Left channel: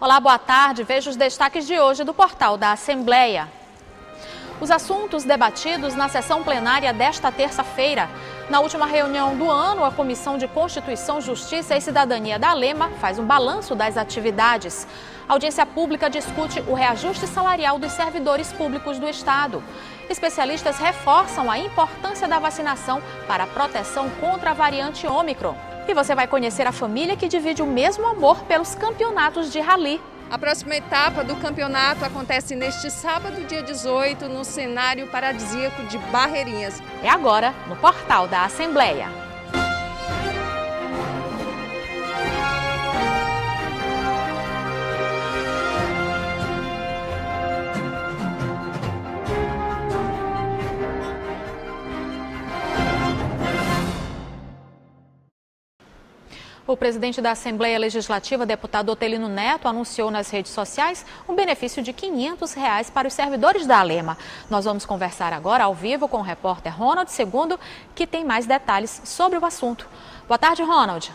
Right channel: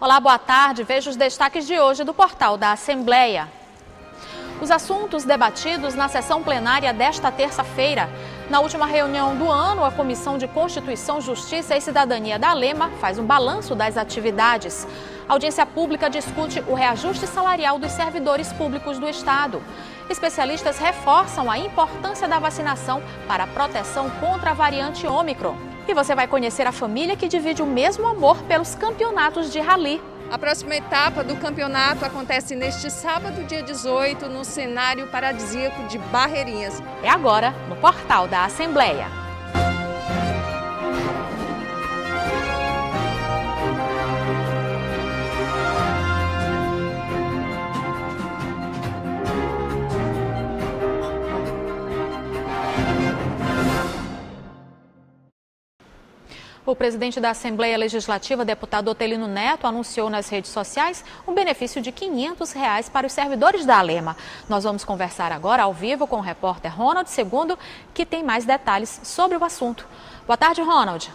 Olá, boa tarde. Veja os destaques de hoje do portal da Assembleia. Os assuntos debatidos na sessão plenária desta terça-feira. Na última reunião do ano, a Comissão de Constituição, Justiça e Cidadania da ALEMA faz um balanço das atividades. A audiência pública discute o reajuste salarial dos servidores públicos do Estado. Especialistas reforçam a importância da vacinação para a proteção contra a variante Ômicron. E você vai conhecer a família que divide o mesmo amor pelos campeonatos de rally. A próxima etapa do campeonato acontece neste sábado, dia 18, no cenário paradisíaco de Barreirinhas. É agora, no portal da Assembleia. O presidente da Assembleia Legislativa, deputado Otelino Neto, anunciou nas redes sociais um benefício de R$ 500 para os servidores da ALEMA. Nós vamos conversar agora ao vivo com o repórter Ronald II, que tem mais detalhes sobre o assunto. Boa tarde, Ronald.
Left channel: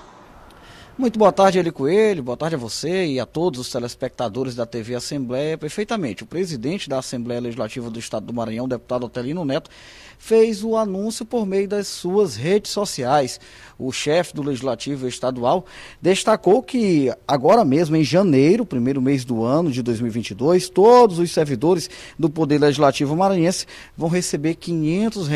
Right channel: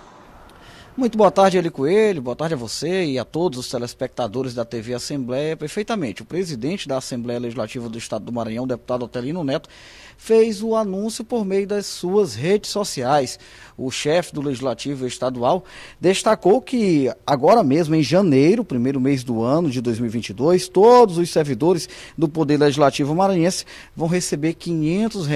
Muito boa tarde, Eli Coelho, boa tarde a você e a todos os telespectadores da TV Assembleia. Perfeitamente, o presidente da Assembleia Legislativa do Estado do Maranhão, deputado Otelino Neto, fez o anúncio por meio das suas redes sociais. O chefe do Legislativo Estadual destacou que agora mesmo, em janeiro, primeiro mês do ano de 2022, todos os servidores do Poder Legislativo maranhense vão receber R$ 500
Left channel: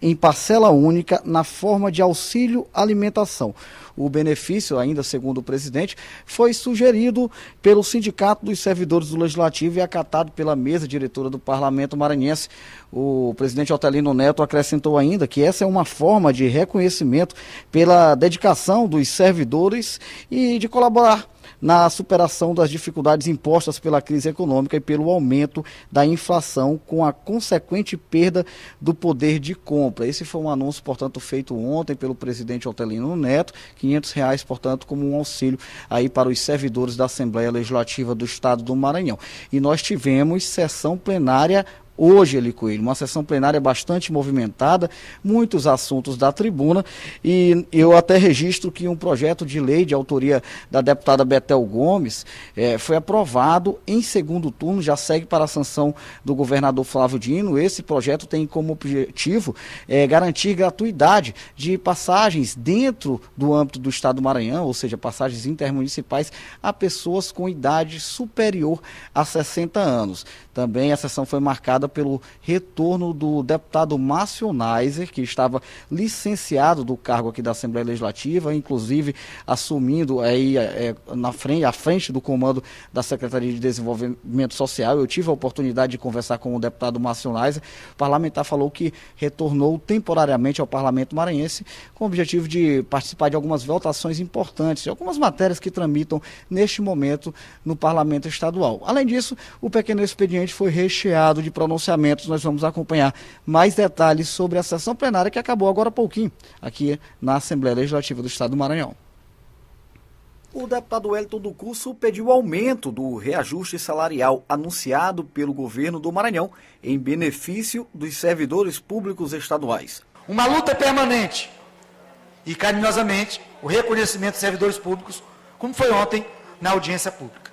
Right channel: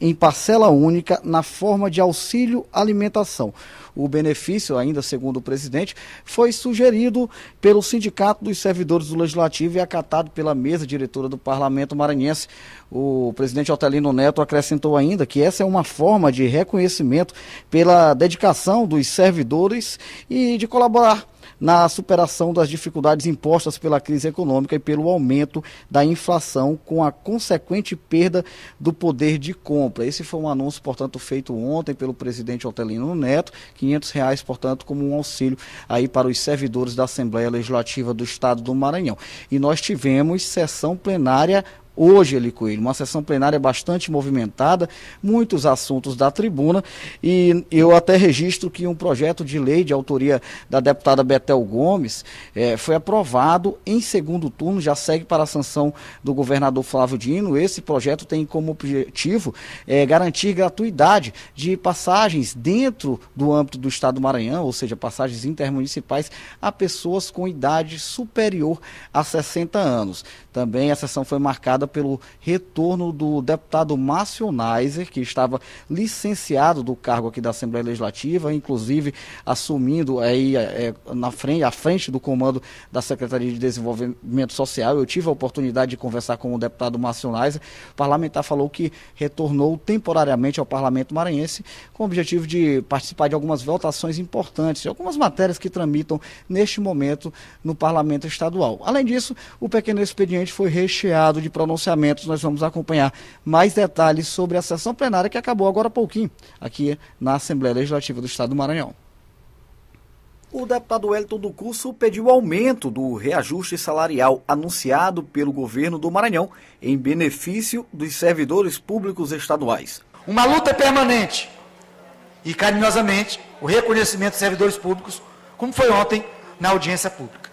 em parcela única na forma de auxílio alimentação. O benefício, ainda segundo o presidente, foi sugerido pelo Sindicato dos Servidores do Legislativo e acatado pela mesa diretora do Parlamento maranhense. O presidente Otelino Neto acrescentou ainda que essa é uma forma de reconhecimento pela dedicação dos servidores e de colaborar na superação das dificuldades impostas pela crise econômica e pelo aumento da inflação, com a consequente perda do poder de compra. Esse foi um anúncio, portanto, feito ontem pelo presidente Otelino Neto, R$ 500, portanto, como um auxílio aí para os servidores da Assembleia Legislativa do Estado do Maranhão. E nós tivemos sessão plenária hoje, Eli Coelho, uma sessão plenária bastante movimentada, muitos assuntos da tribuna, e eu até registro que um projeto de lei de autoria da deputada Betel Gomes foi aprovado em segundo turno, já segue para a sanção do governador Flávio Dino. Esse projeto tem como objetivo garantir gratuidade de passagens dentro do âmbito do Estado do Maranhão, ou seja, passagens intermunicipais a pessoas com idade superior a 60 anos. Também a sessão foi marcada pelo retorno do deputado Márcio Neiser, que estava licenciado do cargo aqui da Assembleia Legislativa, inclusive assumindo aí à frente do comando da Secretaria de Desenvolvimento Social. Eu tive a oportunidade de conversar com o deputado Márcio Neiser. O parlamentar falou que retornou temporariamente ao Parlamento maranhense com o objetivo de participar de algumas votações importantes, de algumas matérias que tramitam neste momento no Parlamento Estadual. Além disso, o pequeno expediente foi recheado de pronunciamentos. Nós vamos acompanhar mais detalhes sobre a sessão plenária que acabou agora há pouquinho aqui na Assembleia Legislativa do Estado do Maranhão. O deputado Wellington do Curso pediu aumento do reajuste salarial anunciado pelo governo do Maranhão em benefício dos servidores públicos estaduais. Uma luta permanente e carinhosamente o reconhecimento dos servidores públicos, como foi ontem na audiência pública.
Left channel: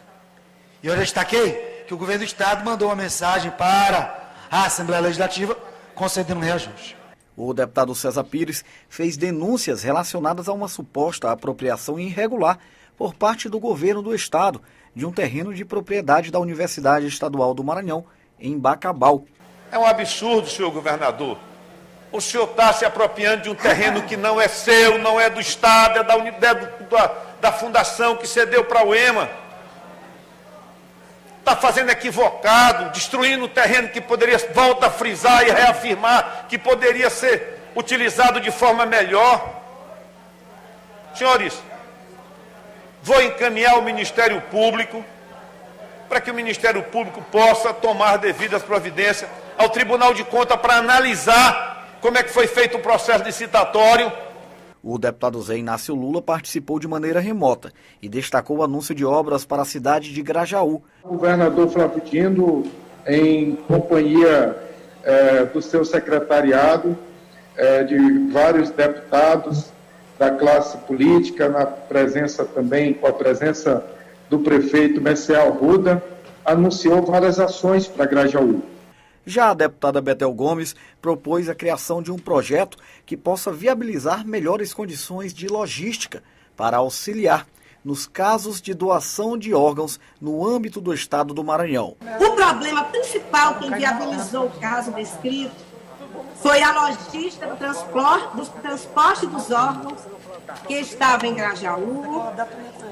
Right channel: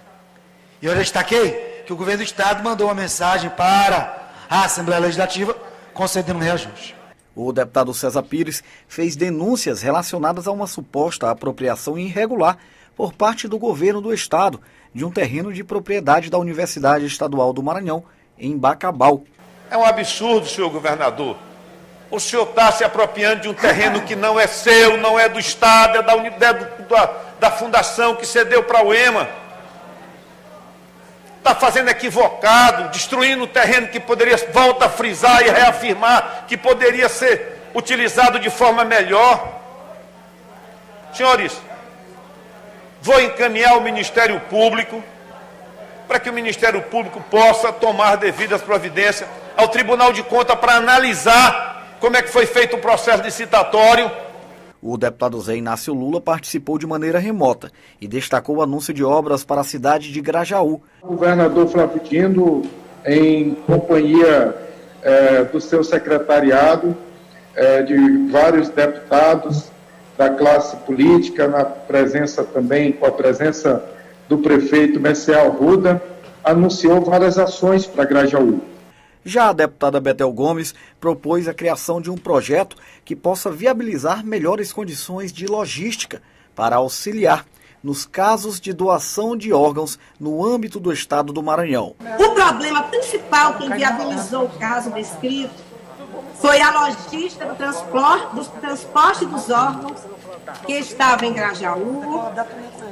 E eu destaquei que o governo do Estado mandou uma mensagem para a Assembleia Legislativa concedendo reajuste. O deputado César Pires fez denúncias relacionadas a uma suposta apropriação irregular por parte do governo do Estado de um terreno de propriedade da Universidade Estadual do Maranhão, em Bacabal. É um absurdo, senhor governador. O senhor está se apropriando de um terreno que não é seu, não é do Estado, é da unidade da fundação que cedeu para a UEMA. Está fazendo equivocado, destruindo o terreno que poderia, volta a frisar e reafirmar, que poderia ser utilizado de forma melhor. Senhores, vou encaminhar ao Ministério Público, para que o Ministério Público possa tomar devidas providências ao Tribunal de Contas para analisar como é que foi feito o processo licitatório. O deputado Zé Inácio Lula participou de maneira remota e destacou o anúncio de obras para a cidade de Grajaú. O governador Flávio Dino, em companhia do seu secretariado, de vários deputados da classe política, com a presença do prefeito Messiel Arruda, anunciou várias ações para Grajaú. Já a deputada Betel Gomes propôs a criação de um projeto que possa viabilizar melhores condições de logística para auxiliar nos casos de doação de órgãos no âmbito do estado do Maranhão. O problema principal que inviabilizou o caso descrito foi a logística do transporte dos órgãos que estavam em Grajaú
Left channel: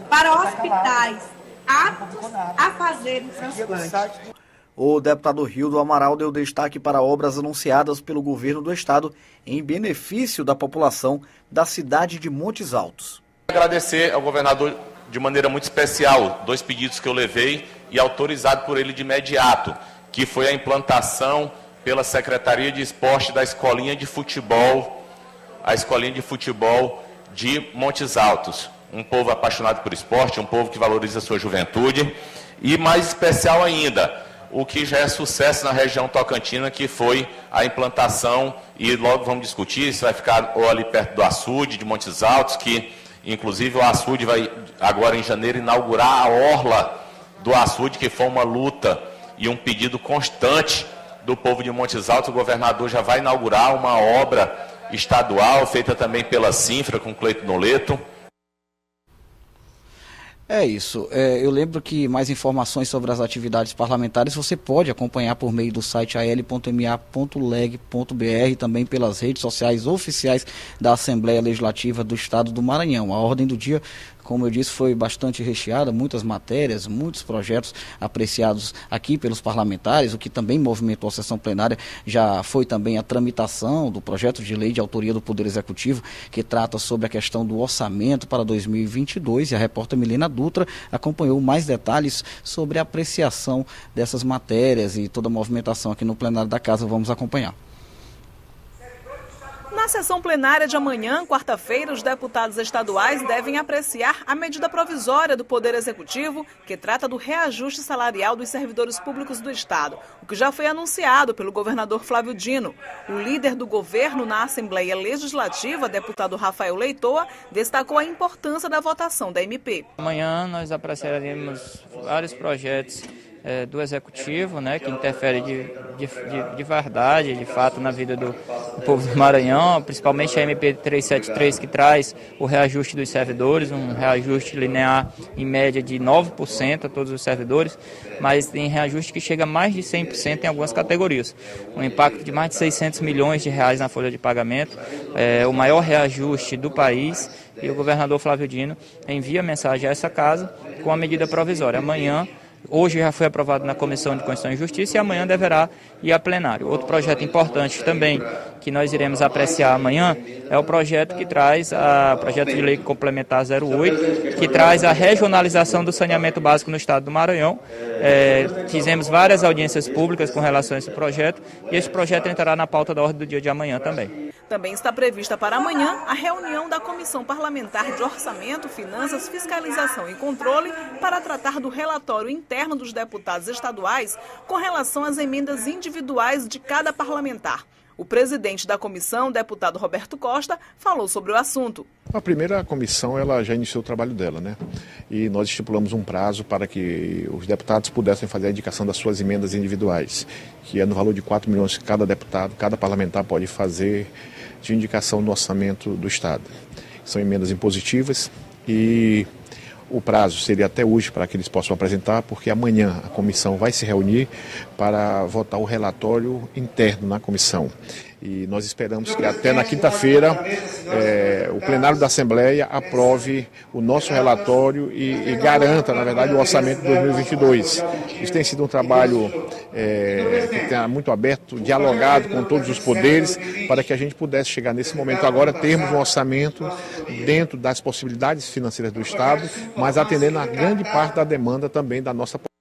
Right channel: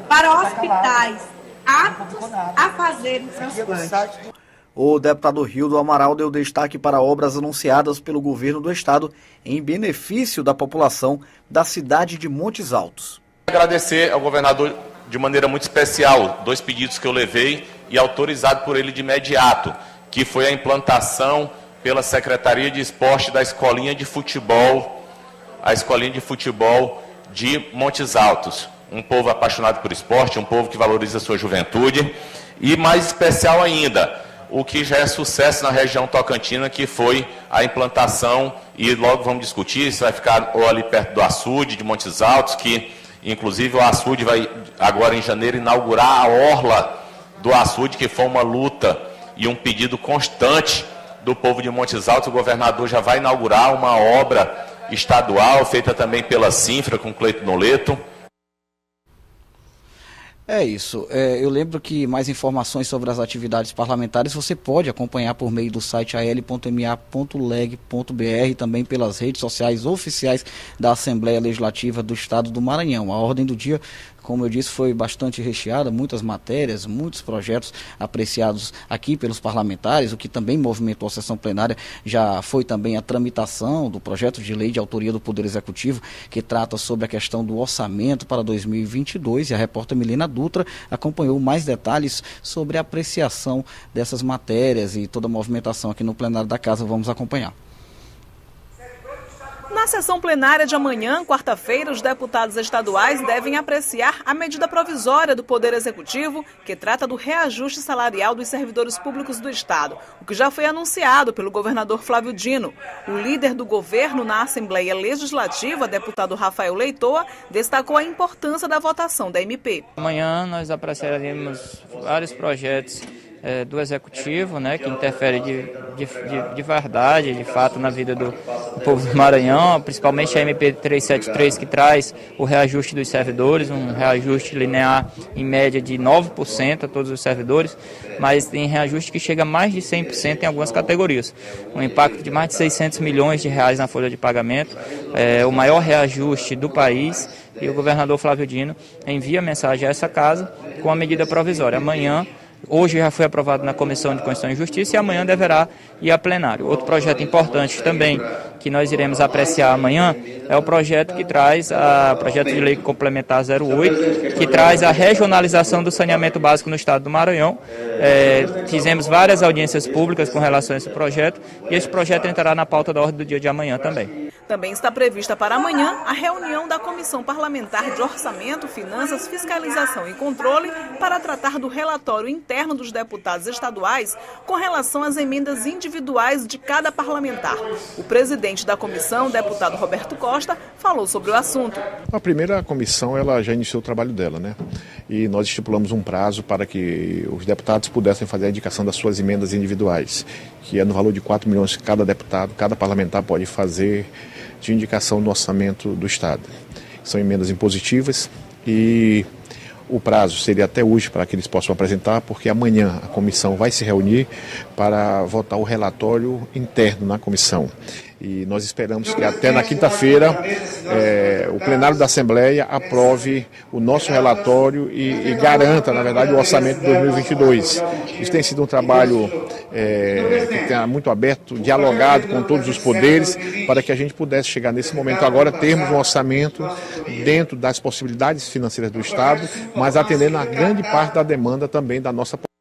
para hospitais aptos a fazerem transplante. O deputado Rildo Amaral deu destaque para obras anunciadas pelo governo do estado em benefício da população da cidade de Montes Altos. Agradecer ao governador de maneira muito especial 2 pedidos que eu levei e autorizado por ele de imediato, que foi a implantação pela Secretaria de Esporte da Escolinha de Futebol, a Escolinha de Futebol de Montes Altos. Um povo apaixonado por esporte, um povo que valoriza a sua juventude e, mais especial ainda, o que já é sucesso na região tocantina, que foi a implantação, e logo vamos discutir, se vai ficar ou ali perto do açude de Montes Altos, que inclusive o açude vai agora em janeiro inaugurar a orla do açude, que foi uma luta e um pedido constante do povo de Montes Altos. O governador já vai inaugurar uma obra estadual, feita também pela Sinfra, com Cleito Noleto. É isso. Eu lembro que mais informações sobre as atividades parlamentares você pode acompanhar por meio do site al.ma.leg.br e também pelas redes sociais oficiais da Assembleia Legislativa do Estado do Maranhão. A ordem do dia, como eu disse, foi bastante recheada, muitas matérias, muitos projetos apreciados aqui pelos parlamentares. O que também movimentou a sessão plenária já foi também a tramitação do projeto de lei de autoria do Poder Executivo, que trata sobre a questão do orçamento para 2022, e a repórter Milena Dutra acompanhou mais detalhes sobre a apreciação dessas matérias e toda a movimentação aqui no plenário da Casa. Vamos acompanhar. Na sessão plenária de amanhã, quarta-feira, os deputados estaduais devem apreciar a medida provisória do Poder Executivo, que trata do reajuste salarial dos servidores públicos do Estado, o que já foi anunciado pelo governador Flávio Dino. O líder do governo na Assembleia Legislativa, deputado Rafael Leitoa, destacou a importância da votação da MP. Amanhã nós apreciaremos vários projetos do Executivo, que interfere de verdade, de fato, na vida do povo do Maranhão, principalmente a MP 373, que traz o reajuste dos servidores, um reajuste linear em média de 9% a todos os servidores, mas tem reajuste que chega a mais de 100% em algumas categorias. Um impacto de mais de 600 milhões de reais na folha de pagamento, o maior reajuste do país, e o governador Flávio Dino envia mensagem a essa casa com a medida provisória. Hoje já foi aprovado na Comissão de Constituição e Justiça e amanhã deverá ir a plenário. Outro projeto importante também que nós iremos apreciar amanhã é o projeto que traz, o projeto de lei complementar 08, que traz a regionalização do saneamento básico no estado do Maranhão. Fizemos várias audiências públicas com relação a esse projeto e esse projeto entrará na pauta da ordem do dia de amanhã também. Também está prevista para amanhã a reunião da Comissão Parlamentar de Orçamento, Finanças, Fiscalização e Controle para tratar do relatório interno dos deputados estaduais com relação às emendas individuais de cada parlamentar. O presidente da comissão, deputado Roberto Costa, falou sobre o assunto. A primeira comissão ela já iniciou o trabalho dela, E nós estipulamos um prazo para que os deputados pudessem fazer a indicação das suas emendas individuais, que é no valor de 4 milhões que cada deputado, cada parlamentar pode fazer de indicação no orçamento do Estado. São emendas impositivas e o prazo seria até hoje para que eles possam apresentar, porque amanhã a comissão vai se reunir para votar o relatório interno na comissão. E nós esperamos que até na quinta-feira o plenário da Assembleia aprove o nosso relatório e garanta, na verdade, o orçamento de 2022. Isso tem sido um trabalho que está muito aberto, dialogado com todos os poderes, para que a gente pudesse chegar nesse momento agora, termos um orçamento dentro das possibilidades financeiras do Estado, mas atendendo a grande parte da demanda também da nossa população.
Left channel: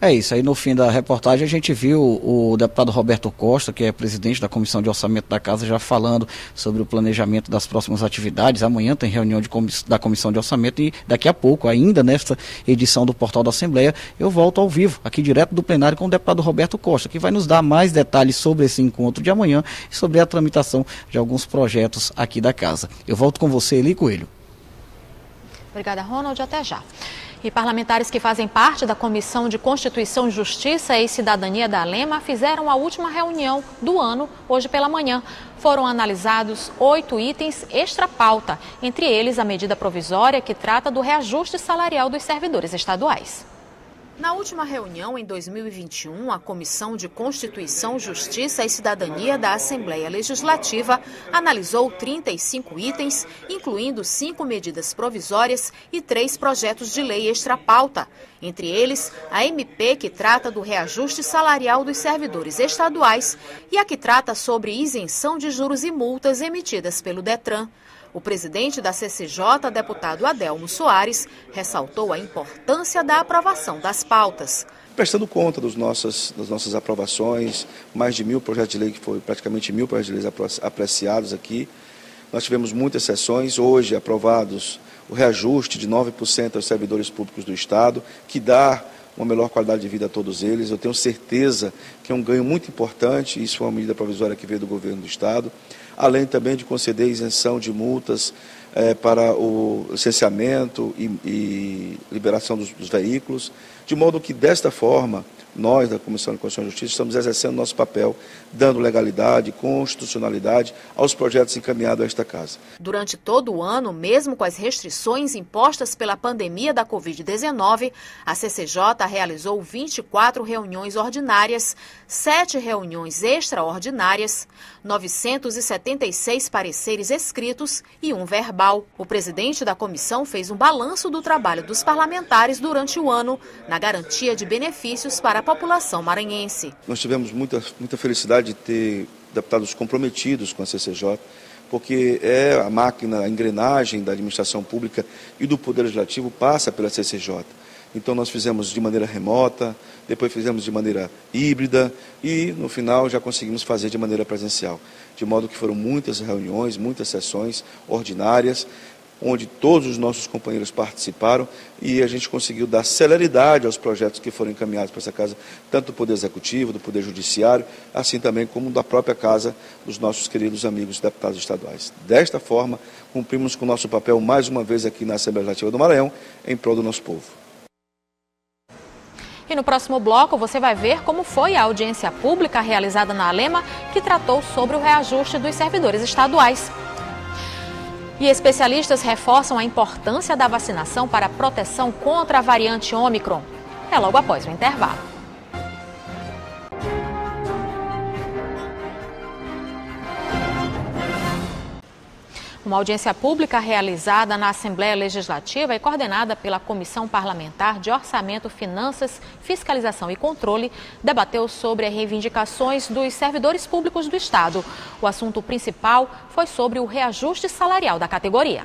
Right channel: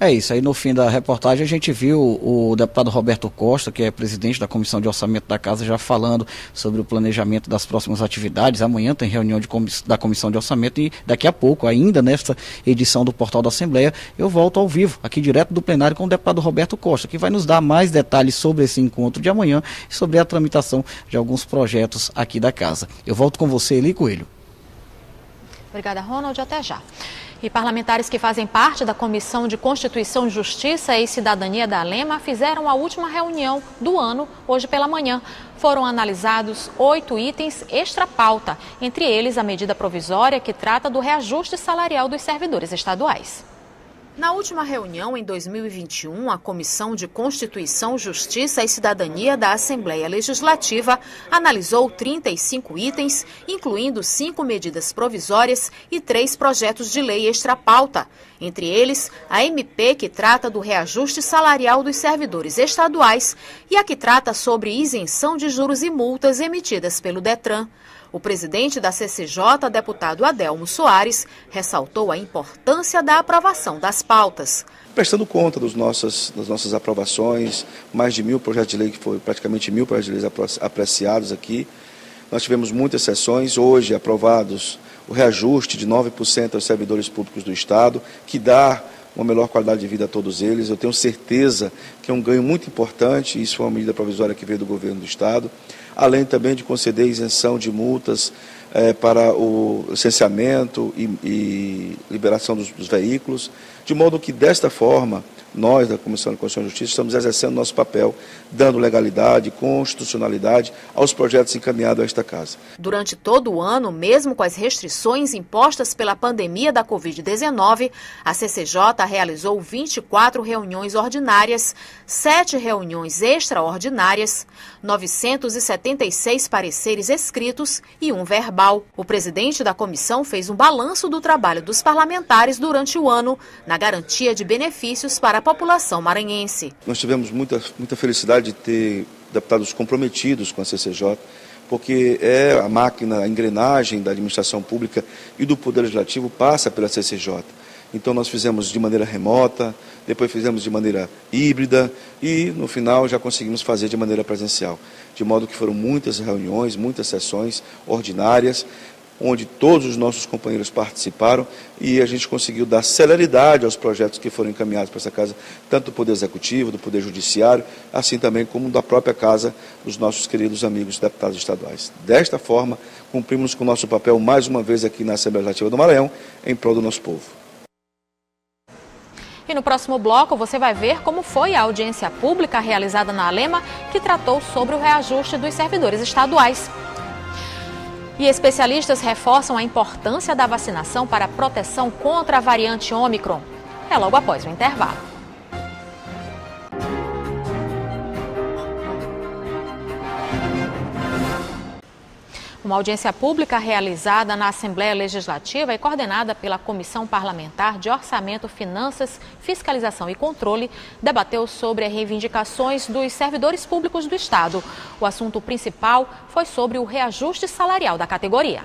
É isso, aí no fim da reportagem a gente viu o deputado Roberto Costa, que é presidente da Comissão de Orçamento da Casa, já falando sobre o planejamento das próximas atividades. Amanhã tem reunião da Comissão de Orçamento e daqui a pouco, ainda nesta edição do Portal da Assembleia, eu volto ao vivo, aqui direto do plenário com o deputado Roberto Costa, que vai nos dar mais detalhes sobre esse encontro de amanhã e sobre a tramitação de alguns projetos aqui da Casa. Eu volto com você, Eli Coelho. Obrigada, Ronald. Até já. E parlamentares que fazem parte da Comissão de Constituição, Justiça e Cidadania da ALEMA fizeram a última reunião do ano, hoje pela manhã. Foram analisados 8 itens extra-pauta, entre eles a medida provisória que trata do reajuste salarial dos servidores estaduais. Na última reunião, em 2021, a Comissão de Constituição, Justiça e Cidadania da Assembleia Legislativa analisou 35 itens, incluindo 5 medidas provisórias e 3 projetos de lei extra-pauta. Entre eles, a MP, que trata do reajuste salarial dos servidores estaduais, e a que trata sobre isenção de juros e multas emitidas pelo Detran. O presidente da CCJ, deputado Adelmo Soares, ressaltou a importância da aprovação das pautas. Prestando conta das nossas aprovações, mais de 1.000 projetos de lei, que foi praticamente 1.000 projetos de lei apreciados aqui. Nós tivemos muitas sessões, hoje aprovados o reajuste de 9% aos servidores públicos do Estado, que dá uma melhor qualidade de vida a todos eles. Eu tenho certeza que é um ganho muito importante, isso foi uma medida provisória que veio do governo do Estado, além também de conceder isenção de multas para o licenciamento e liberação dos veículos, de modo que, desta forma, nós, da Comissão de Constituição e Justiça, estamos exercendo nosso papel, dando legalidade, constitucionalidade aos projetos encaminhados a esta Casa. Durante todo o ano, mesmo com as restrições impostas pela pandemia da Covid-19, a CCJ realizou 24 reuniões ordinárias, 7 reuniões extraordinárias, 976 pareceres escritos e 1 verbal. O presidente da comissão fez um balanço do trabalho dos parlamentares durante o ano, na garantia de benefícios para a população maranhense. Nós tivemos muita felicidade de ter deputados comprometidos com a CCJ, porque é a máquina, a engrenagem da administração pública e do Poder Legislativo passa pela CCJ. Então nós fizemos de maneira remota, depois fizemos de maneira híbrida e no final já conseguimos fazer de maneira presencial. De modo que foram muitas reuniões, muitas sessões ordinárias, onde todos os nossos companheiros participaram e a gente conseguiu dar celeridade aos projetos que foram encaminhados para essa Casa, tanto do Poder Executivo, do Poder Judiciário, assim também como da própria Casa dos nossos queridos amigos deputados estaduais. Desta forma, cumprimos com o nosso papel mais uma vez aqui na Assembleia Legislativa do Maranhão, em prol do nosso povo. E no próximo bloco você vai ver como foi a audiência pública realizada na ALEMA, que tratou sobre o reajuste dos servidores estaduais. E especialistas reforçam a importância da vacinação para a proteção contra a variante Ômicron. É logo após o intervalo. Uma audiência pública realizada na Assembleia Legislativa e coordenada pela Comissão Parlamentar de Orçamento, Finanças, Fiscalização e Controle debateu sobre as reivindicações dos servidores públicos do Estado. O assunto principal foi sobre o reajuste salarial da categoria.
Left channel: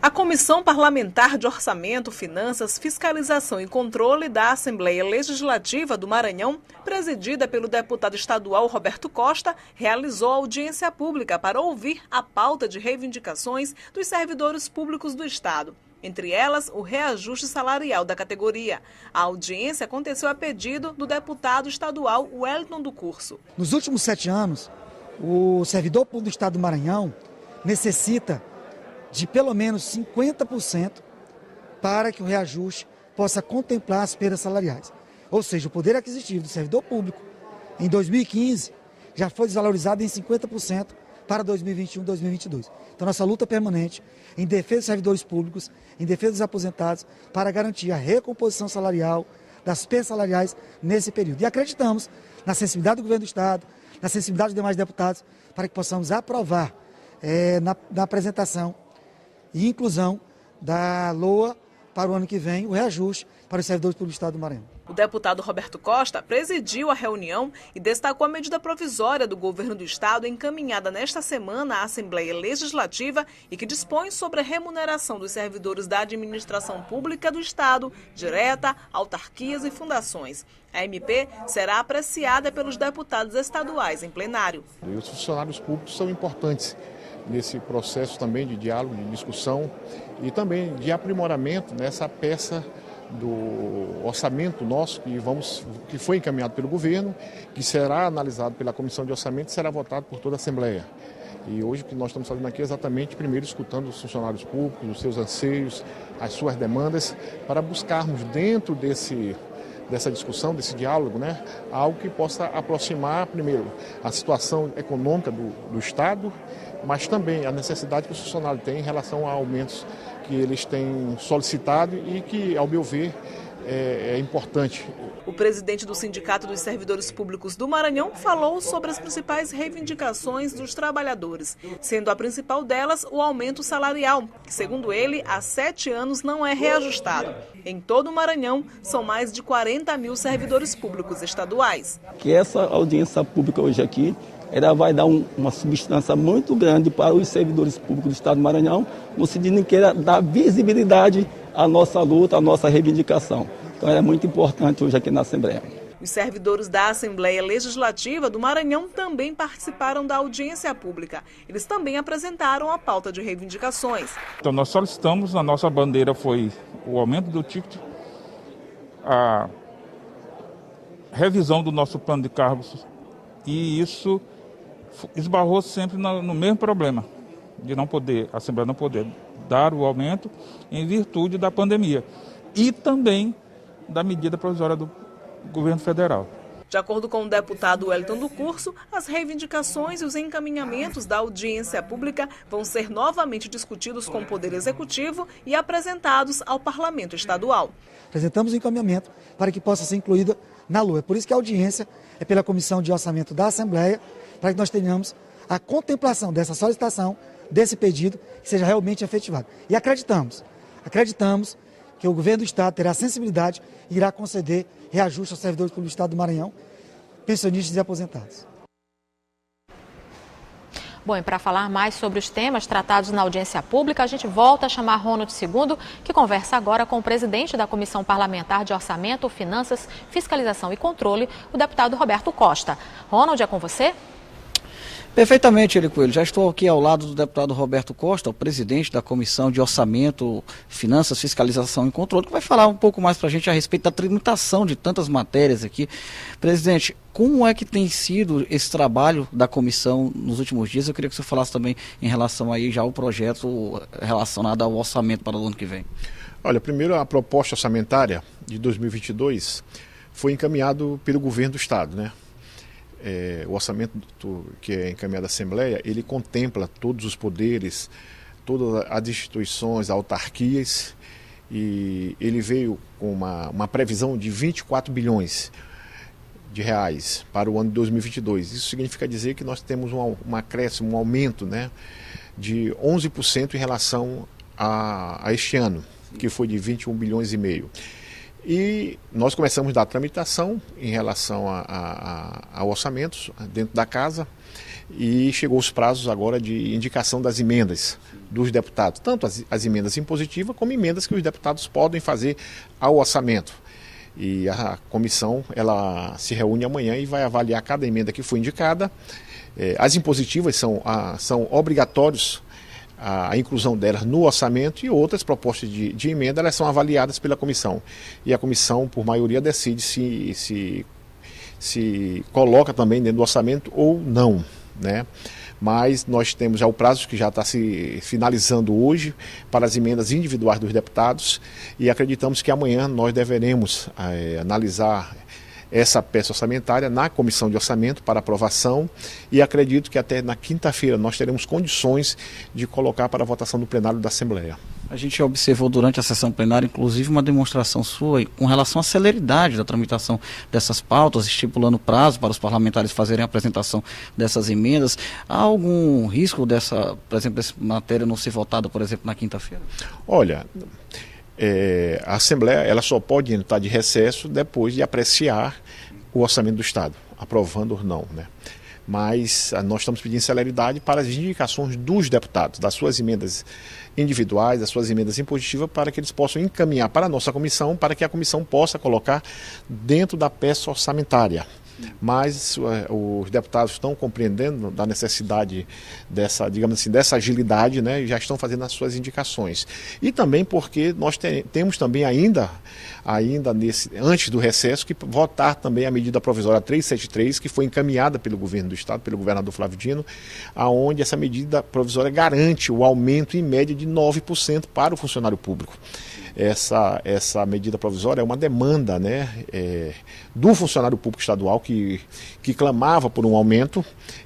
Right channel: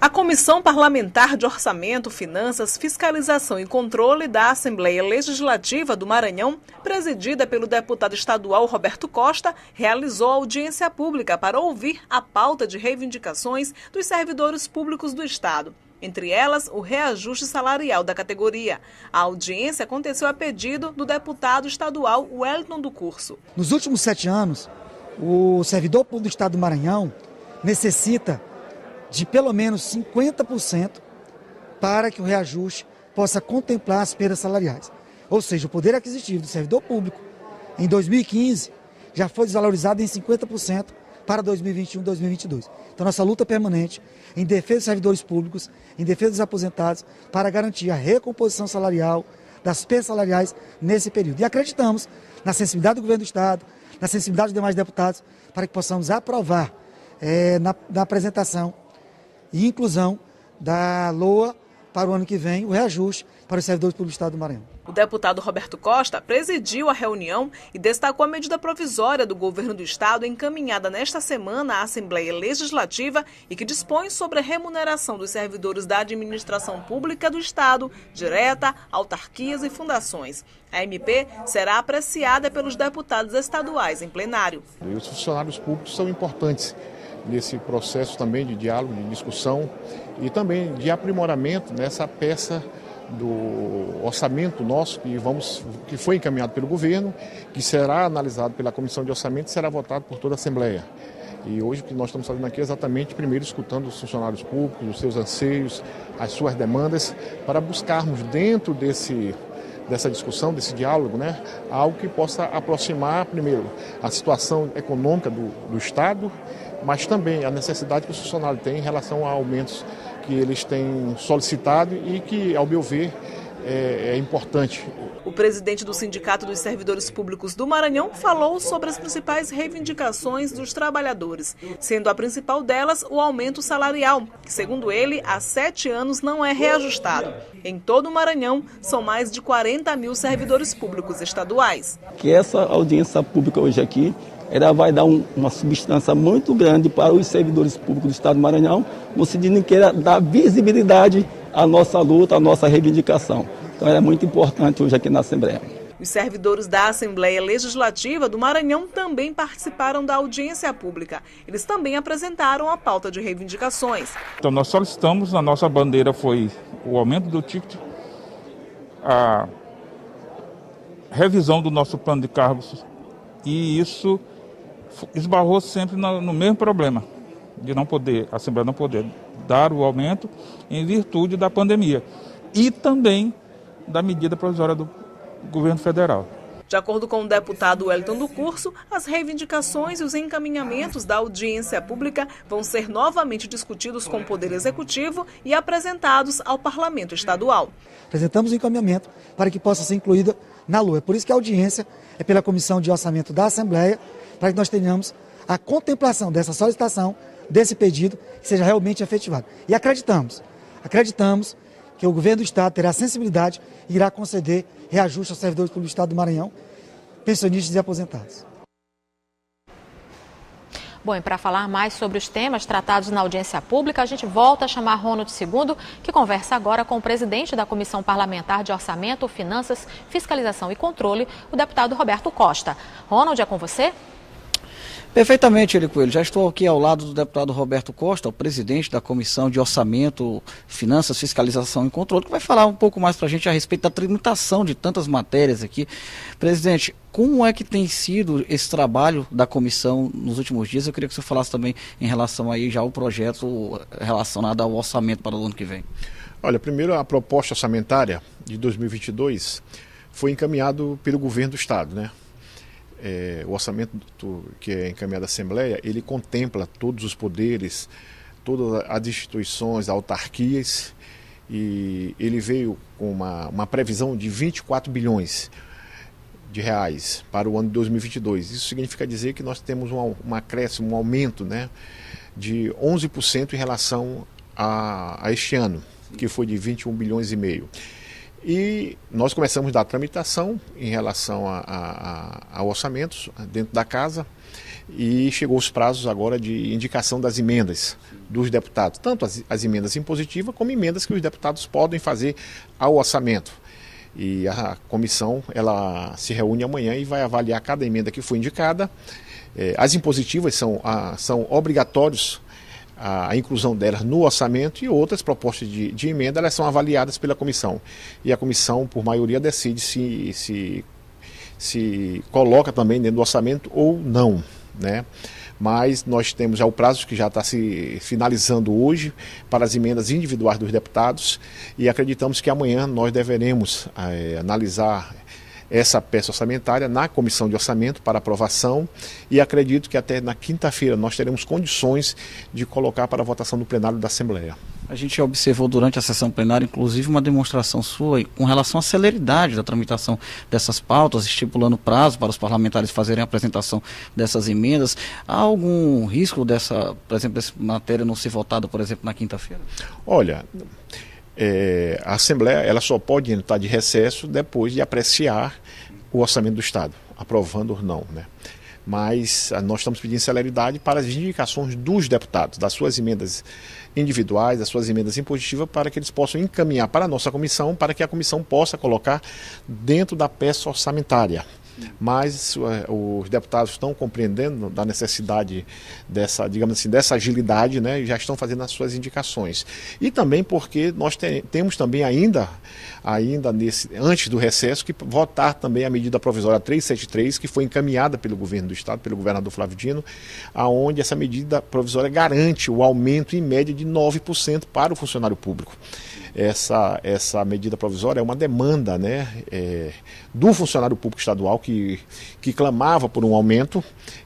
A Comissão Parlamentar de Orçamento, Finanças, Fiscalização e Controle da Assembleia Legislativa do Maranhão, presidida pelo deputado estadual Roberto Costa, realizou audiência pública para ouvir a pauta de reivindicações dos servidores públicos do Estado. Entre elas, o reajuste salarial da categoria. A audiência aconteceu a pedido do deputado estadual Wellington do Curso. Nos últimos 7 anos, o servidor público do Estado do Maranhão necessita de pelo menos 50% para que o reajuste possa contemplar as perdas salariais. Ou seja, o poder aquisitivo do servidor público em 2015 já foi desvalorizado em 50% para 2021 e 2022. Então, nossa luta permanente em defesa dos servidores públicos, em defesa dos aposentados, para garantir a recomposição salarial das perdas salariais nesse período. E acreditamos na sensibilidade do governo do Estado, na sensibilidade dos demais deputados, para que possamos aprovar na apresentação e inclusão da LOA para o ano que vem, o reajuste para os servidores públicos do Estado do Maranhão. O deputado Roberto Costa presidiu a reunião e destacou a medida provisória do governo do Estado encaminhada nesta semana à Assembleia Legislativa e que dispõe sobre a remuneração dos servidores da administração pública do Estado, direta, autarquias e fundações. A MP será apreciada pelos deputados estaduais em plenário. E os funcionários públicos são importantes nesse processo também de diálogo, de discussão e também de aprimoramento nessa peça do orçamento nosso que foi encaminhado pelo governo, que será analisado pela Comissão de Orçamento e será votado por toda a Assembleia. E hoje o que nós estamos fazendo aqui é exatamente, primeiro, escutando os funcionários públicos, os seus anseios, as suas demandas, para buscarmos dentro dessa discussão, desse diálogo, né, algo que possa aproximar, primeiro, a situação econômica do Estado, mas também a necessidade que os funcionários têm em relação a aumentos que eles têm solicitado e que, ao meu ver, é importante. O presidente do Sindicato dos Servidores Públicos do Maranhão falou sobre as principais reivindicações dos trabalhadores, sendo a principal delas o aumento salarial, que, segundo ele, há 7 anos não é reajustado. Em todo o Maranhão, são mais de 40 mil servidores públicos estaduais. Que essa audiência pública hoje aqui, ela vai dar uma substância muito grande para os servidores públicos do Estado do Maranhão, no sentido que ela dá visibilidade à nossa luta, à nossa reivindicação. Então é muito importante hoje aqui na Assembleia. Os servidores da Assembleia Legislativa do Maranhão também participaram da audiência pública. Eles também apresentaram a pauta de reivindicações. Então nós solicitamos, a nossa bandeira foi o aumento do ticket, a revisão do nosso plano de cargos, e isso esbarrou sempre no mesmo problema, de a Assembleia não poder dar o aumento em virtude da pandemia e também da medida provisória do governo federal. De acordo com o deputado Wellington do Curso, as reivindicações e os encaminhamentos da audiência pública vão ser novamente discutidos com o Poder Executivo e apresentados ao Parlamento Estadual. Apresentamos o encaminhamento para que possa ser incluída na LOA. Por isso que a audiência é pela Comissão de Orçamento da Assembleia, para que nós tenhamos a contemplação dessa solicitação, desse pedido, que seja realmente efetivado. E acreditamos que o governo do Estado terá sensibilidade e irá conceder reajuste aos servidores públicos do Estado do Maranhão, pensionistas e aposentados. Bom, e para falar mais sobre os temas tratados na audiência pública, a gente volta a chamar Ronald II, que conversa agora com o presidente da Comissão Parlamentar de Orçamento, Finanças, Fiscalização e Controle, o deputado Roberto Costa. Ronald, é com você? Perfeitamente, Eli Coelho. Já estou aqui ao lado do deputado Roberto Costa, o presidente da Comissão de Orçamento, Finanças, Fiscalização e Controle, que vai falar um pouco mais para a gente a respeito da tramitação de tantas matérias aqui. Presidente, como é que tem sido esse trabalho da comissão nos últimos dias? Eu queria que você falasse também em relação aí já ao projeto relacionado ao orçamento para o ano que vem. Olha, primeiro a proposta orçamentária de 2022 foi encaminhado pelo governo do Estado, né? O orçamento que é encaminhado à Assembleia, ele contempla todos os poderes, todas as instituições, autarquias, e ele veio com uma previsão de 24 bilhões de reais para o ano de 2022. Isso significa dizer que nós temos um acréscimo, um aumento, né, de 11% em relação a este ano, que foi de 21 bilhões e meio. E nós começamos a dar tramitação em relação a orçamentos dentro da casa, e chegou os prazos agora de indicação das emendas dos deputados, tanto as emendas impositivas como emendas que os deputados podem fazer ao orçamento. E a comissão ela se reúne amanhã e vai avaliar cada emenda que foi indicada. As impositivas são obrigatórios a inclusão delas no orçamento, e outras propostas de emenda elas são avaliadas pela comissão. E a comissão, por maioria, decide se coloca também dentro do orçamento ou não, né? Mas nós temos já o prazo que já está se finalizando hoje para as emendas individuais dos deputados, e acreditamos que amanhã nós deveremos analisar essa peça orçamentária na Comissão de Orçamento para aprovação, e acredito que até na quinta-feira nós teremos condições de colocar para a votação do plenário da Assembleia. A gente observou durante a sessão plenária, inclusive, uma demonstração sua com relação à celeridade da tramitação dessas pautas, estipulando prazo para os parlamentares fazerem a apresentação dessas emendas. Há algum risco por exemplo, dessa matéria não ser votada, por exemplo, na quinta-feira? Olha, a Assembleia ela só pode entrar de recesso depois de apreciar o orçamento do Estado, aprovando ou não, né? Mas nós estamos pedindo celeridade para as indicações dos deputados, das suas emendas individuais, das suas emendas impositivas, para que eles possam encaminhar para a nossa comissão, para que a comissão possa colocar dentro da peça orçamentária, mas os deputados estão compreendendo da necessidade dessa, digamos assim, dessa agilidade, né, e já estão fazendo as suas indicações. E também porque nós temos também ainda antes do recesso, que votar também a medida provisória 373, que foi encaminhada pelo governo do Estado, pelo governador Flávio Dino, aonde essa medida provisória garante o aumento em média de 9% para o funcionário público. Essa medida provisória é uma demanda, né, do funcionário público estadual que clamava por um aumento,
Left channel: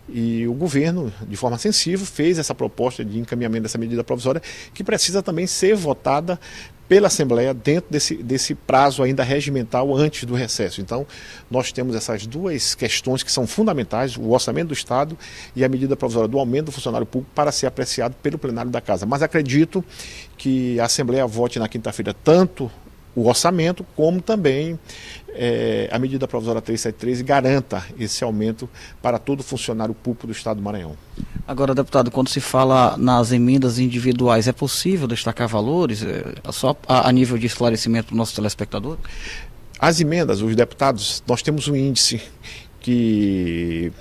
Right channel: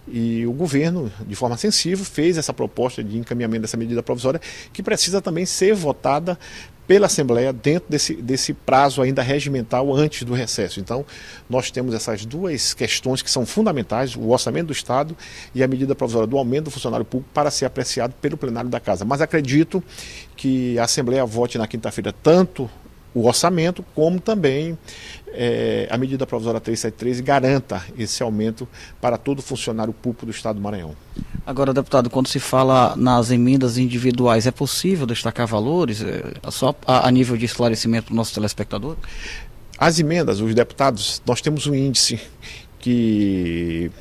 e o governo, de forma sensível, fez essa proposta de encaminhamento dessa medida provisória, que precisa também ser votada pela Assembleia dentro desse prazo ainda regimental antes do recesso. Então, nós temos essas duas questões que são fundamentais, o orçamento do Estado e a medida provisória do aumento do funcionário público, para ser apreciado pelo plenário da Casa. Mas acredito que a Assembleia vote na quinta-feira tanto o orçamento, como também a medida provisória 373 e garanta esse aumento para todo funcionário público do Estado do Maranhão. Agora, deputado, quando se fala nas emendas individuais, é possível destacar valores, só a nível de esclarecimento do nosso telespectador? As emendas, os deputados, nós temos um índice que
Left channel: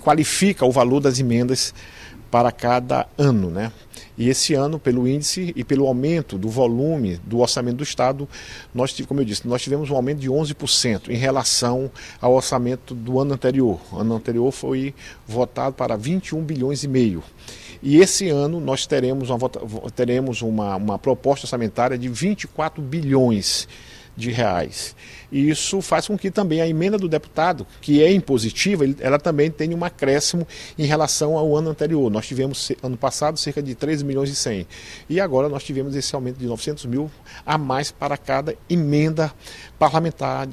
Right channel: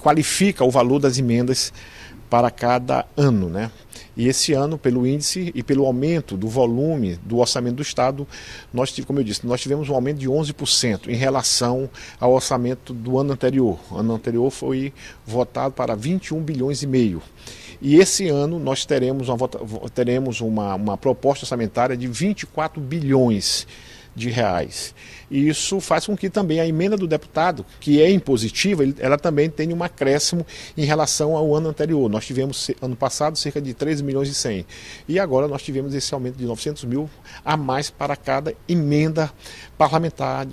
qualifica o valor das emendas para cada ano, né? E esse ano, pelo índice e pelo aumento do volume do orçamento do Estado, como eu disse, nós tivemos um aumento de 11% em relação ao orçamento do ano anterior. O ano anterior foi votado para 21 bilhões e meio. E esse ano nós teremos uma proposta orçamentária de 24 bilhões de reais. E isso faz com que também a emenda do deputado, que é impositiva, ela também tenha um acréscimo em relação ao ano anterior. Nós tivemos, ano passado, cerca de 13 milhões e 100. E agora nós tivemos esse aumento de 900 mil a mais para cada emenda parlamentar,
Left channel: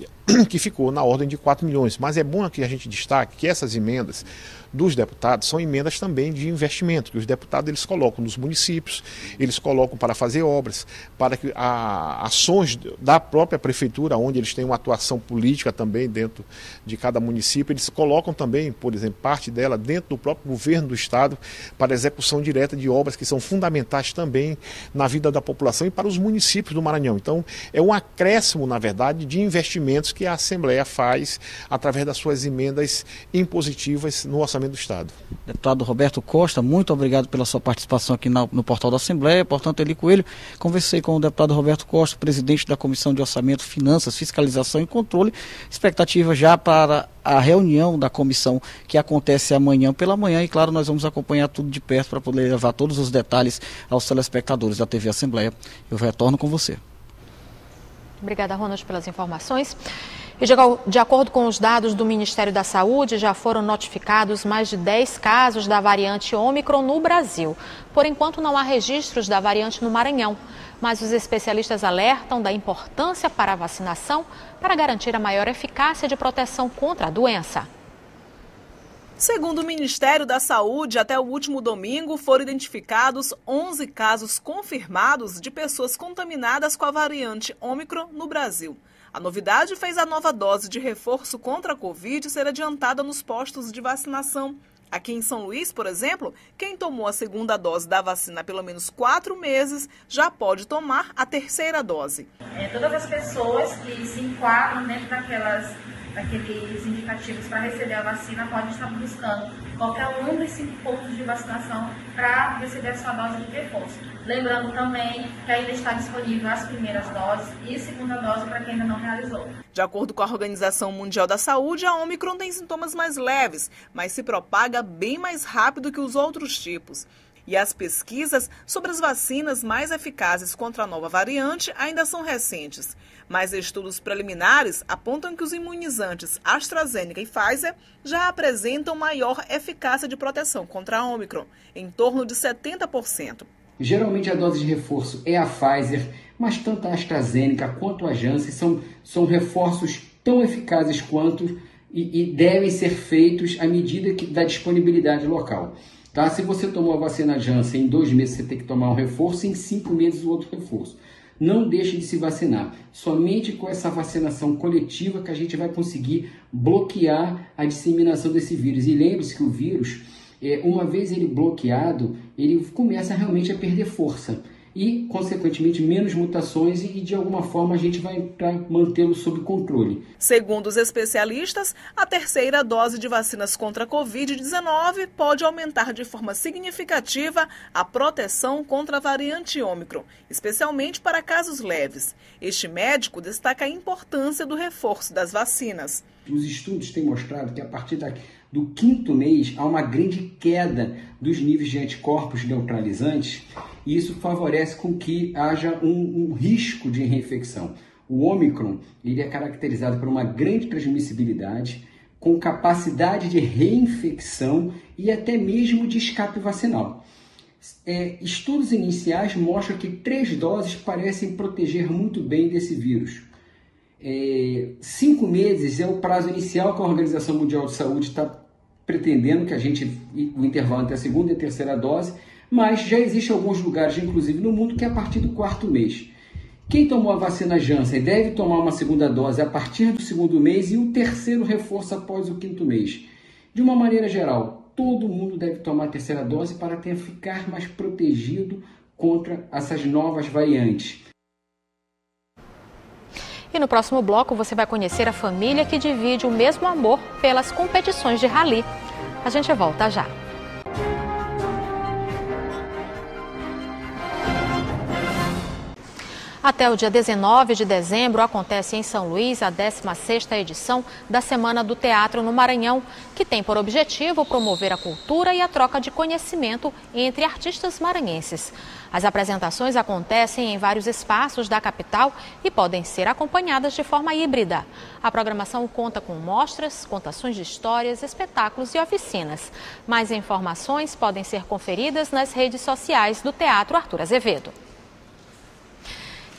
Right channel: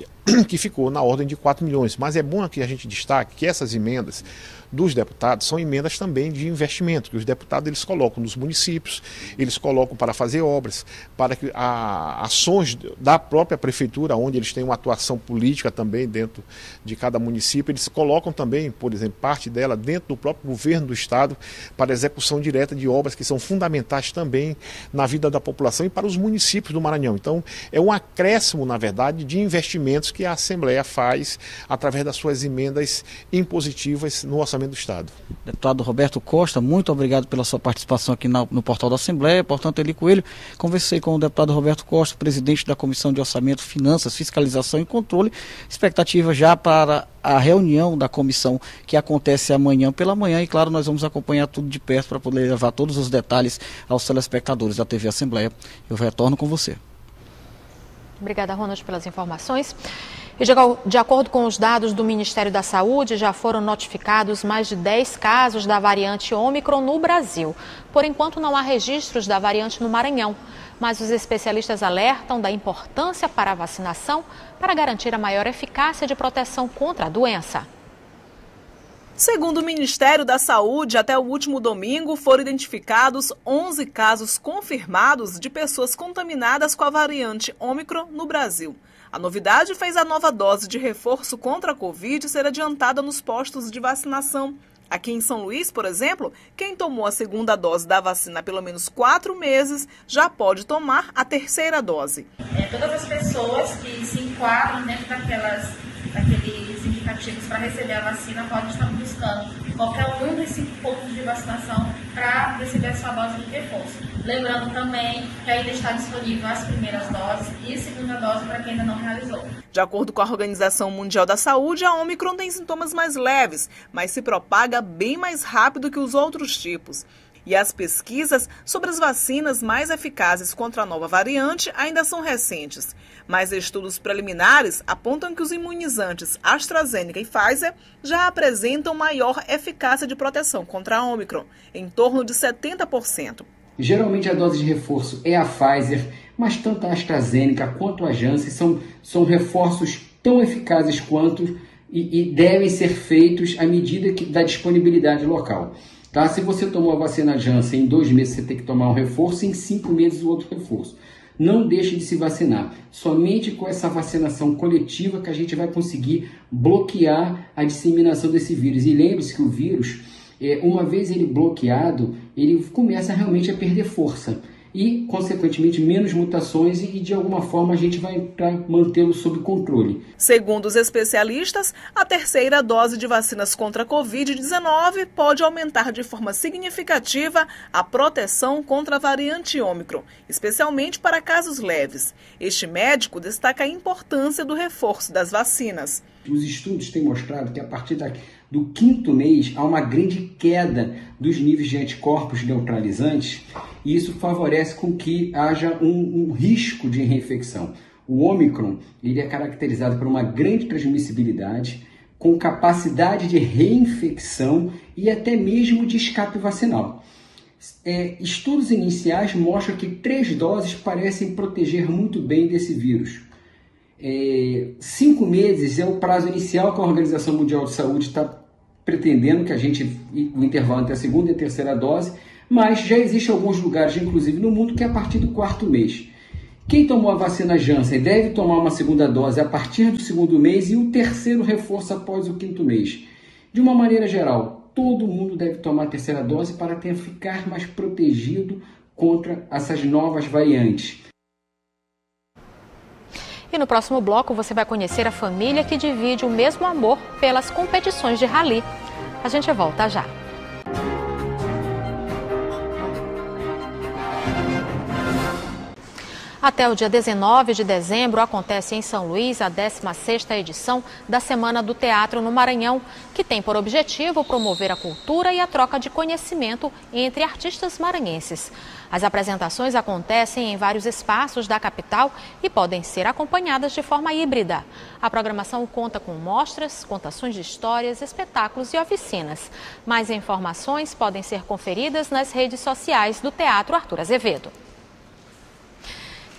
que ficou na ordem de 4 milhões. Mas é bom que a gente destaque que essas emendas dos deputados são emendas também de investimento, que os deputados eles colocam nos municípios, eles colocam para fazer obras, para que ações da própria prefeitura, onde eles têm uma atuação política também dentro de cada município, eles colocam também, por exemplo, parte dela dentro do próprio governo do Estado, para a execução direta de obras que são fundamentais também na vida da população e para os municípios do Maranhão. Então, é um acréscimo, na verdade, de investimentos que a Assembleia faz através das suas emendas impositivas no orçamento do Estado. Deputado Roberto Costa, muito obrigado pela sua participação aqui no portal da Assembleia. Portanto, Eli Coelho, conversei com o deputado Roberto Costa, presidente da Comissão de Orçamento, Finanças, Fiscalização e Controle. Expectativa já para a reunião da comissão que acontece amanhã pela manhã, e claro, nós vamos acompanhar tudo de perto para poder levar todos os detalhes aos telespectadores da TV Assembleia. Eu retorno com você. Obrigada, Ronald, pelas informações. E de acordo com os dados do Ministério da Saúde, já foram notificados mais de 10 casos da variante Ômicron no Brasil. Por enquanto, não há registros da variante no Maranhão, mas os especialistas alertam da importância para a vacinação para garantir a maior eficácia de proteção contra a doença. Segundo o Ministério da Saúde, até o último domingo foram identificados 11 casos confirmados de pessoas contaminadas com a variante Ômicron no Brasil. A novidade fez a nova dose de reforço contra a Covid ser adiantada nos postos de vacinação. Aqui em São Luís, por exemplo, quem tomou a segunda dose da vacina há pelo menos 4 meses já pode tomar a terceira dose. Todas as pessoas que se enquadram dentro daqueles indicativos para receber a vacina podem estar buscando qualquer um dos 5 pontos de vacinação para receber a sua dose de reforço. Lembrando também que ainda está disponível as primeiras doses e segunda dose para quem ainda não realizou. De acordo com a Organização Mundial da Saúde, a Ômicron tem sintomas mais leves, mas se propaga bem mais rápido que os outros tipos. E as pesquisas sobre as vacinas mais eficazes contra a nova variante ainda são recentes. Mas estudos preliminares apontam que os imunizantes AstraZeneca e Pfizer já apresentam maior eficácia de proteção contra a Ômicron, em torno de 70%. Geralmente a dose de reforço é a Pfizer, mas tanto a AstraZeneca quanto a Janssen são reforços tão eficazes quanto e devem ser feitos à medida da disponibilidade local. Tá? Se você tomou a vacina Janssen em 2 meses, você tem que tomar um reforço, em 5 meses o outro reforço. Não deixe de se vacinar. Somente com essa vacinação coletiva que a gente vai conseguir bloquear a disseminação desse vírus. E lembre-se que o vírus, uma vez ele bloqueado, ele começa realmente a perder força. e, consequentemente, menos mutações e, de alguma forma, a gente vai mantê-lo sob controle. Segundo os especialistas, a terceira dose de vacinas contra a Covid-19 pode aumentar de forma significativa a proteção contra a variante Ômicron, especialmente para casos leves. Este médico destaca a importância do reforço das vacinas. Os estudos têm mostrado que a partir do 5º mês há uma grande queda dos níveis de anticorpos neutralizantes e isso favorece com que haja um risco de reinfecção. O Ômicron ele é caracterizado por uma grande transmissibilidade, com capacidade de reinfecção e até mesmo de escape vacinal. Estudos iniciais mostram que 3 doses parecem proteger muito bem desse vírus. 5 meses é o prazo inicial que a Organização Mundial de Saúde está pretendendo que o intervalo entre a segunda e a terceira dose, mas já existem alguns lugares, inclusive no mundo, que é a partir do 4º mês. Quem tomou a vacina Janssen deve tomar uma segunda dose a partir do 2º mês e o terceiro reforço após o 5º mês. De uma maneira geral, todo mundo deve tomar a terceira dose para ficar mais protegido contra essas novas variantes. E no próximo bloco você vai conhecer a família que divide o mesmo amor pelas competições de rally. A gente volta já. Até o dia 19 de dezembro acontece em São Luís a 16ª edição da Semana do Teatro no Maranhão, que tem por objetivo promover a cultura e a troca de conhecimento entre artistas maranhenses. As apresentações acontecem em vários espaços da capital e podem ser acompanhadas de forma híbrida. A programação conta com mostras, contações de histórias, espetáculos e oficinas. Mais informações podem ser conferidas nas redes sociais do Teatro Arthur Azevedo.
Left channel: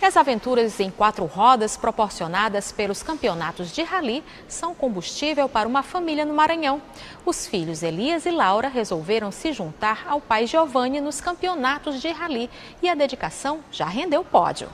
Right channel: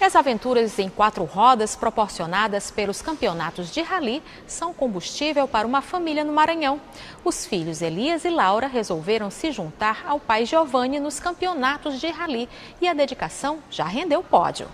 As aventuras em 4 rodas proporcionadas pelos campeonatos de rally são combustível para uma família no Maranhão. Os filhos Elias e Laura resolveram se juntar ao pai Giovanni nos campeonatos de rally e a dedicação já rendeu pódio.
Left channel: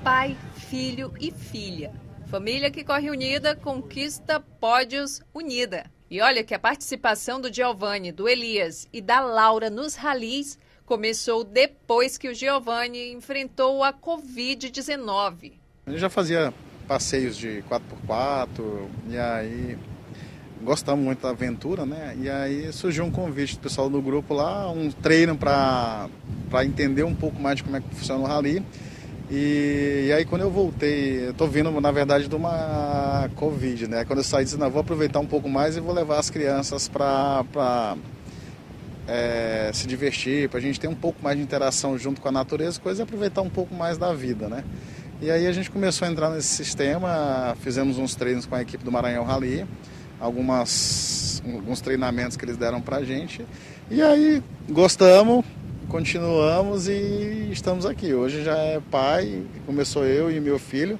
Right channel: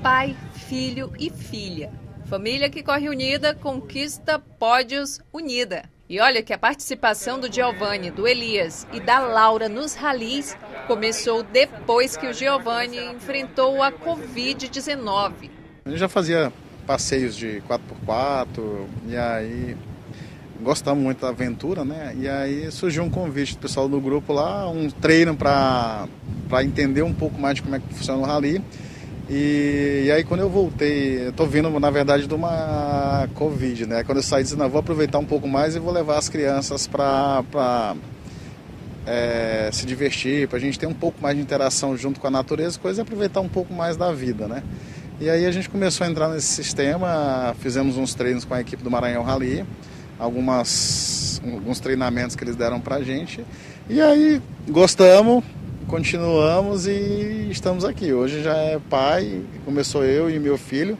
Pai, filho e filha. Família que corre unida conquista pódios unida. E olha que a participação do Giovanni, do Elias e da Laura nos ralis começou depois que o Giovanni enfrentou a Covid-19. Eu já fazia passeios de 4x4 e aí gostamos muito da aventura, né? E aí surgiu um convite do pessoal do grupo lá, um treino para entender um pouco mais de como é que funciona o rally. E aí quando eu voltei, eu tô vindo na verdade de uma Covid, né? Quando eu saí, disse, não, vou aproveitar um pouco mais e vou levar as crianças para se divertir, para a gente ter um pouco mais de interação junto com a natureza, coisa e aproveitar um pouco mais da vida, né? E aí a gente começou a entrar nesse sistema, fizemos uns treinos com a equipe do Maranhão Rally, alguns treinamentos que eles deram pra gente, e aí gostamos, continuamos e estamos aqui. Hoje já é pai, começou eu e meu filho,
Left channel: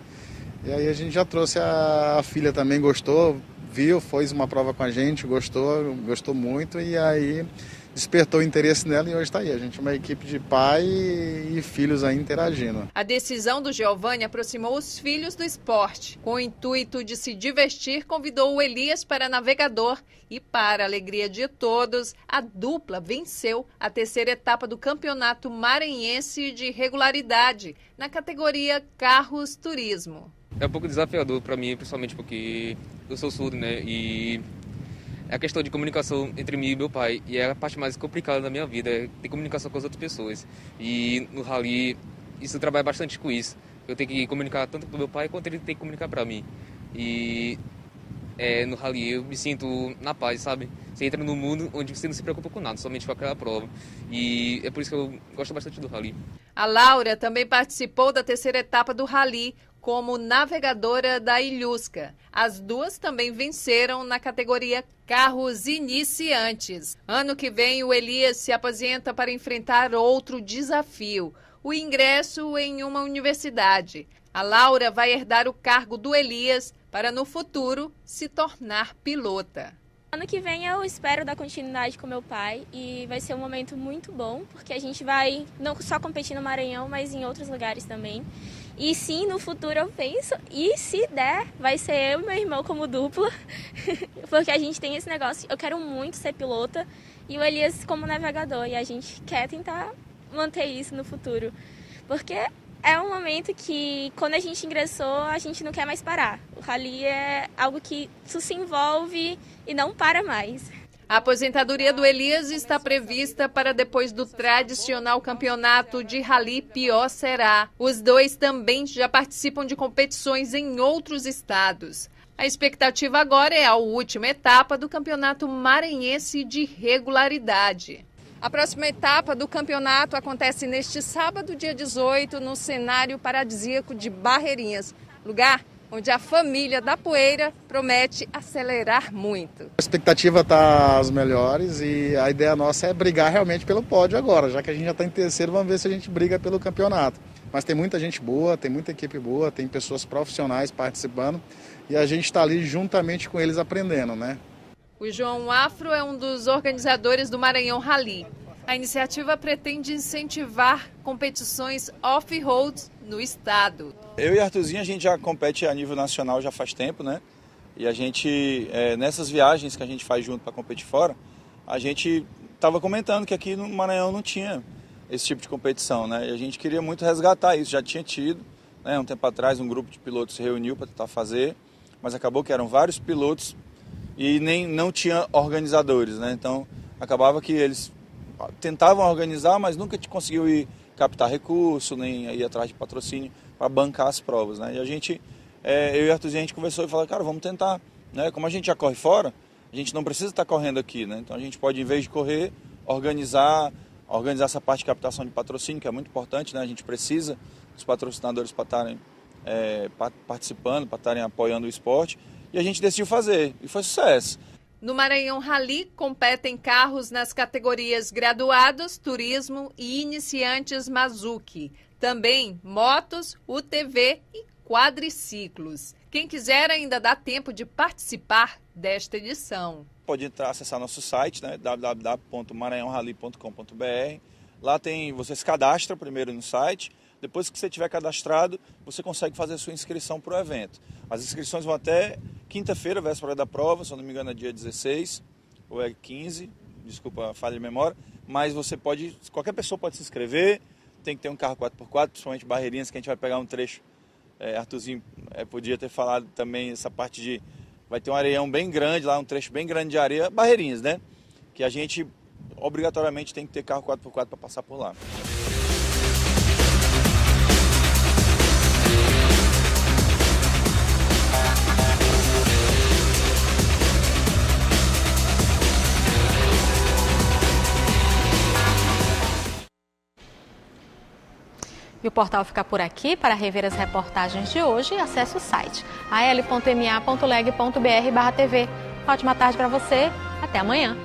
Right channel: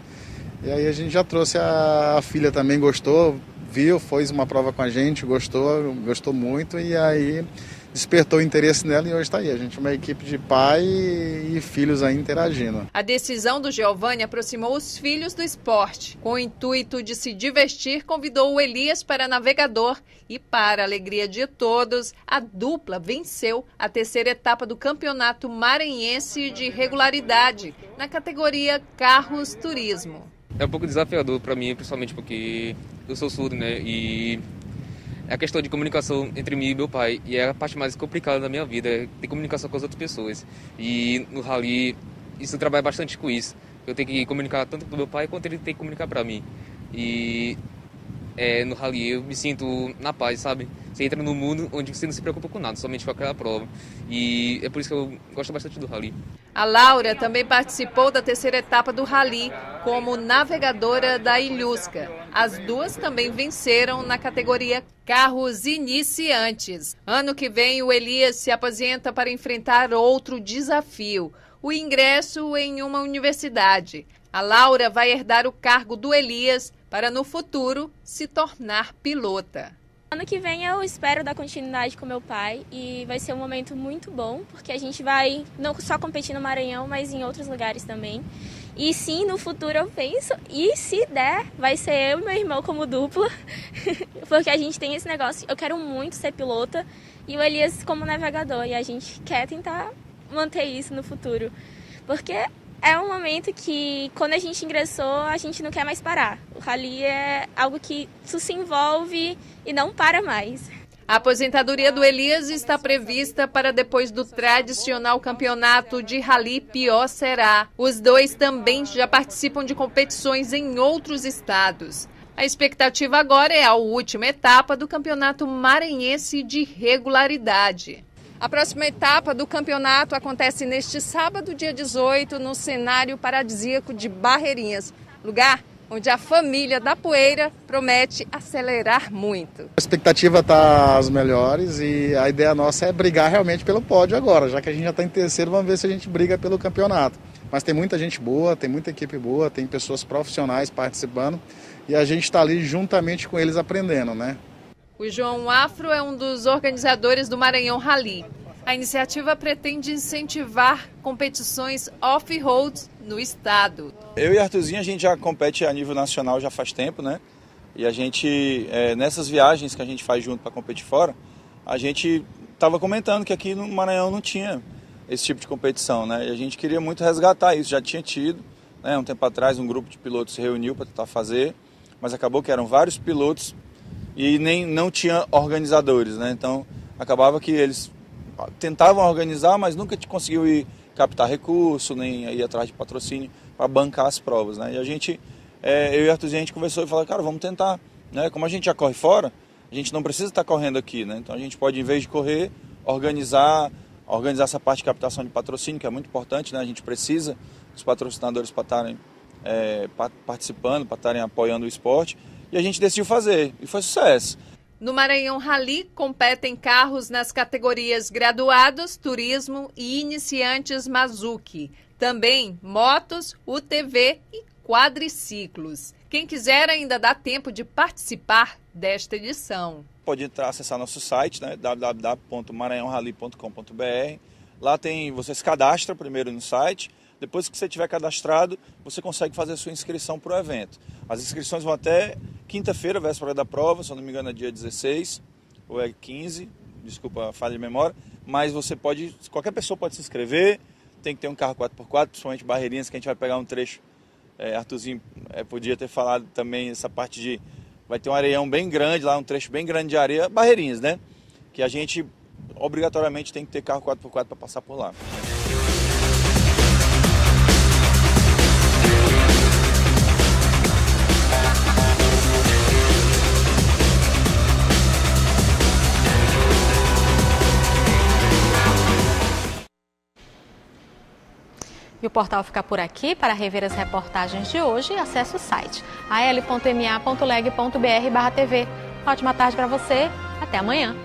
e aí a gente já trouxe a filha também, gostou, viu, fez uma prova com a gente, gostou muito, e aí despertou o interesse nela e hoje está aí. A gente é uma equipe de pai e filhos aí interagindo. A decisão do Giovanni aproximou os filhos do esporte. Com o intuito de se divertir, convidou o Elias para navegador e, para a alegria de todos, a dupla venceu a terceira etapa do Campeonato Maranhense de Regularidade, na categoria Carros Turismo. É um pouco desafiador para mim, principalmente porque eu sou surdo, né? E é a questão de comunicação entre mim e meu pai. E é a parte mais complicada da minha vida, é ter comunicação com as outras pessoas. E no rally, isso trabalha bastante com isso. Eu tenho que comunicar tanto com meu pai, quanto ele tem que comunicar para mim. E no rally eu me sinto na paz, sabe? Você entra num mundo onde você não se preocupa com nada, somente com aquela prova. E é por isso que eu gosto bastante do rally. A Laura também participou da terceira etapa do rally como navegadora da Ilhusca. As duas também venceram na categoria Carros Iniciantes. Ano que vem, o Elias se aposenta para enfrentar outro desafio, o ingresso em uma universidade. A Laura vai herdar o cargo do Elias para, no futuro, se tornar pilota. Ano que vem eu espero dar continuidade com meu pai e vai ser um momento muito bom, porque a gente vai não só competir no Maranhão, mas em outros lugares também. E sim, no futuro eu penso, e se der, vai ser eu e meu irmão como dupla, porque a gente tem esse negócio, eu quero muito ser pilota e o Elias como navegador, e a gente quer tentar manter isso no futuro. Porque é um momento que, quando a gente ingressou, a gente não quer mais parar. O rally é algo que isso se envolve e não para mais. A aposentadoria do Elias está prevista para depois do tradicional campeonato de rally Pior Será. Os dois também já participam de competições em outros estados. A expectativa agora é a última etapa do Campeonato Maranhense de Regularidade. A próxima etapa do campeonato acontece neste sábado, dia 18, no cenário paradisíaco de Barreirinhas, lugar onde a família da Poeira promete acelerar muito. A expectativa está às melhores e a ideia nossa é brigar realmente pelo pódio agora, já que a gente já está em terceiro, vamos ver se a gente briga pelo campeonato. Mas tem muita gente boa, tem muita equipe boa, tem pessoas profissionais participando e a gente está ali juntamente com eles aprendendo, né? O João Afro é um dos organizadores do Maranhão Rally. A iniciativa pretende incentivar competições off-road no estado. Eu e Arthurzinho, a gente já compete a nível nacional já faz tempo, né? E a gente, nessas viagens que a gente faz junto para competir fora, a gente estava comentando que aqui no Maranhão não tinha esse tipo de competição, né? E a gente queria muito resgatar isso, já tinha tido, né? Um tempo atrás um grupo de pilotos se reuniu para tentar fazer, mas acabou que eram vários pilotos e não tinha organizadores, né? Então acabava que eles tentavam organizar, mas nunca conseguiu ir captar recurso, nem ir atrás de patrocínio para bancar as provas, né? E a gente, eu e a Arthurzinho, a gente conversou e falou, cara, vamos tentar, né? Como a gente já corre fora, a gente não precisa estar correndo aqui, né? Então a gente pode, em vez de correr, organizar essa parte de captação de patrocínio, que é muito importante, né? A gente precisa dos patrocinadores para estarem participando, para estarem apoiando o esporte, e a gente decidiu fazer, e foi sucesso. No Maranhão Rally, competem carros nas categorias graduados, turismo e iniciantes Mazuki. Também motos, UTV e quadriciclos. Quem quiser ainda dá tempo de participar desta edição. Pode acessar nosso site, né, www.maranhãorally.com.br. Lá você se cadastra primeiro no site. Depois que você tiver cadastrado, você consegue fazer a sua inscrição para o evento. As inscrições vão até quinta-feira, véspera da prova, se eu não me engano é dia 16 ou é 15, desculpa a falha de memória, mas qualquer pessoa pode se inscrever, tem que ter um carro 4x4, principalmente Barreirinhas, que a gente vai pegar um trecho. Arthurzinho podia ter falado também essa parte de, vai ter um areião bem grande lá, um trecho bem grande de areia, Barreirinhas, né? Que a gente obrigatoriamente tem que ter carro 4x4 para passar por lá. E o portal fica por aqui. Para rever as reportagens de hoje, acesse o site al.ma.leg.br/tv. Ótima tarde para você. Até amanhã.